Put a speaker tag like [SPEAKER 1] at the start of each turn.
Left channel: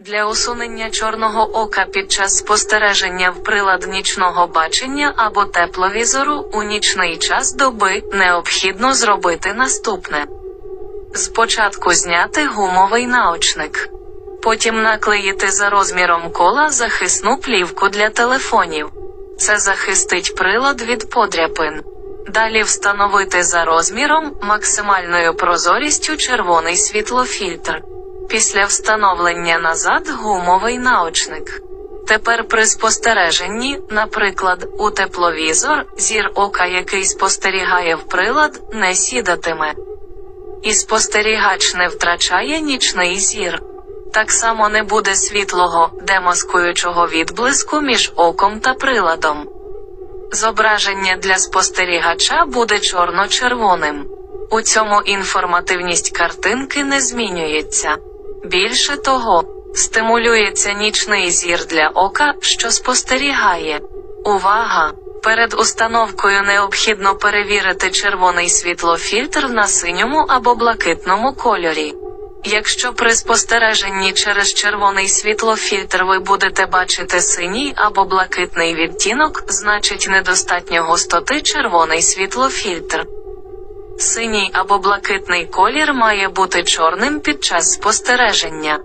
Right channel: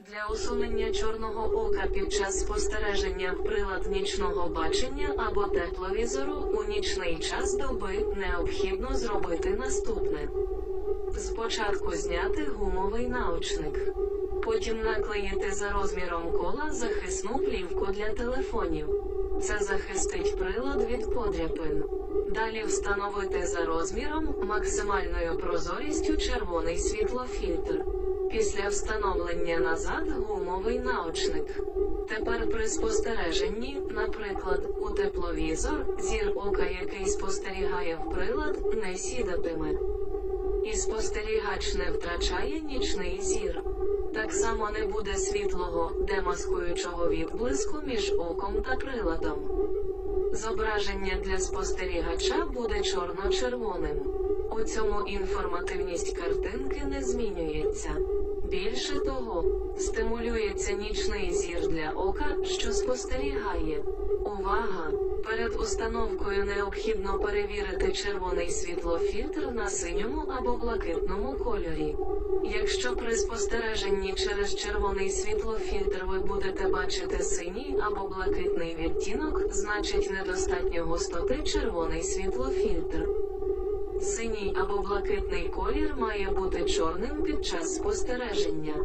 [SPEAKER 1] Для усунення чорного ока під час спостереження в прилад нічного бачення або тепловізору у нічний час доби необхідно зробити наступне. Спочатку зняти гумовий наочник. Потім наклеїти за розміром кола захисну плівку для телефонів. Це захистить прилад від подряпин. Далі встановити за розміром максимальною прозорістю червоний світлофільтр. Після встановлення назад гумовий наочник. Тепер при спостереженні, наприклад, у тепловізор, зір ока, який спостерігає в прилад, не сідатиме. І спостерігач не втрачає нічний зір. Так само не буде світлого, демаскуючого відблиску між оком та приладом. Зображення для спостерігача буде чорно-червоним. У цьому інформативність картинки не змінюється. Більше того, стимулюється нічний зір для ока, що спостерігає. Увага! Перед установкою необхідно перевірити червоний світлофільтр на синьому або блакитному кольорі. Якщо при спостереженні через червоний світлофільтр ви будете бачити синій або блакитний відтінок, значить недостатньо густоти червоний світлофільтр. Синій або блакитний колір має бути чорним під час спостереження.